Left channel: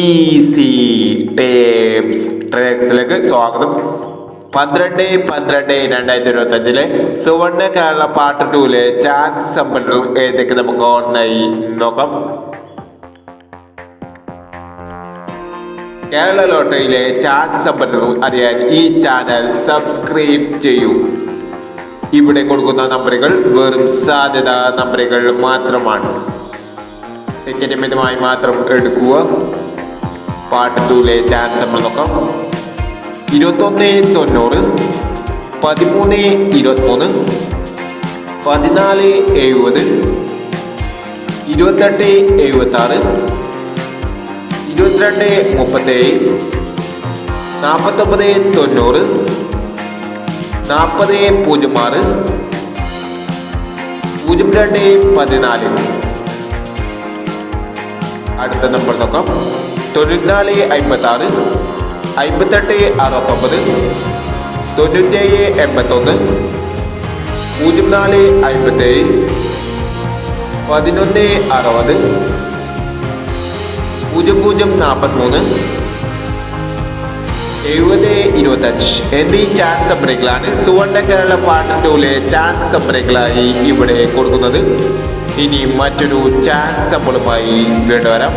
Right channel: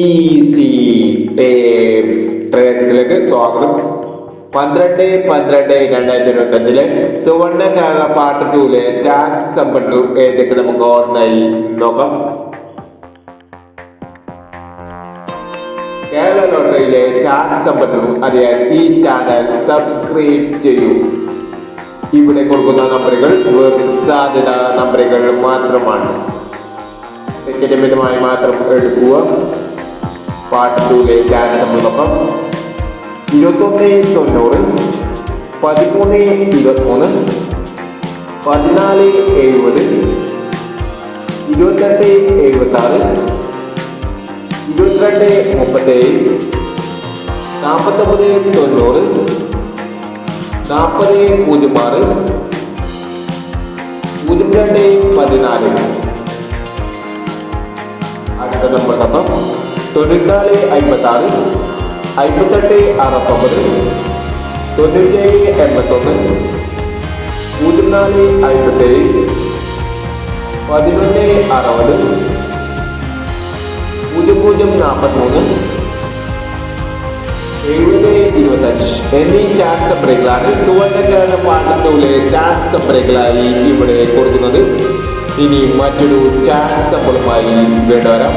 Easy tapes ട്രേക്സിലേക്ക് സ്വാഗതം. പന്ത്രണ്ട് പന്ത്രണ്ട് രണ്ടായിരത്തി ഇരുപത്തി അഞ്ചിലെ സുവർണ കേരള പാർട്ട് ടൂലെ ചാൻസ് സമ്പന്നർ ഏതൊക്കെ നമുക്ക് ഓർമ്മയായി നോക്കാം. കേരള ലോട്ടറിയിലെ ചാൻസ് സമ്പന്നർ അറിയാൻ ഈ ചാനൽ സബ്സ്ക്രൈബ് ചെയ്യൂ. ഇവിടെ കൊടുക്കുന്ന നമ്പറുകൾ വെറും സാധ്യത നമ്പറുകൾ മാത്രമാണ്. മിതമായി മാത്രം എടുക്കുക പാർട്ട് ടൂലെ ചാൻസ് നമ്മൾ നോക്കാം. ഇരുപത്തൊന്ന് തൊണ്ണൂറ് പതിമൂന്ന് ഇരുപത്തൊന്ന് പതിനാല് എഴുപത് ഇരുപത്തെട്ട് എഴുപത്തി ആറ് ഇരുപത്തിരണ്ട് മുപ്പത്തേഴ് നാൽപ്പത്തൊമ്പത് തൊണ്ണൂറ് നാൽപ്പത് പൂജ്യം ആറ് പൂജ്യം രണ്ട് പതിനാല്. നമ്പർ അൻപത്താറ് അൻപത്തെട്ട് അറുപത്തൊമ്പത് തൊണ്ണൂറ്റേഴ് എൺപത്തൊന്ന് പൂജ്യം നാല് അൻപത്തേഴ് പതിനൊന്ന് അറുപത് പൂജ്യം പൂജ്യം നാൽപ്പത്തിമൂന്ന് എഴുപത് ഇരുപത്തഞ്ച് എന്നീ ചാൻസ് നമ്പറുകളാണ് സുവർണ കേരള പാട്ടൂലെ ചാൻസ് നമ്പറുകളായി ഇവിടെ കൊടുക്കുന്നത്. ഇനി മറ്റൊരു ചാൻസ് നമ്പറുമായി വീണ്ടും വരാം.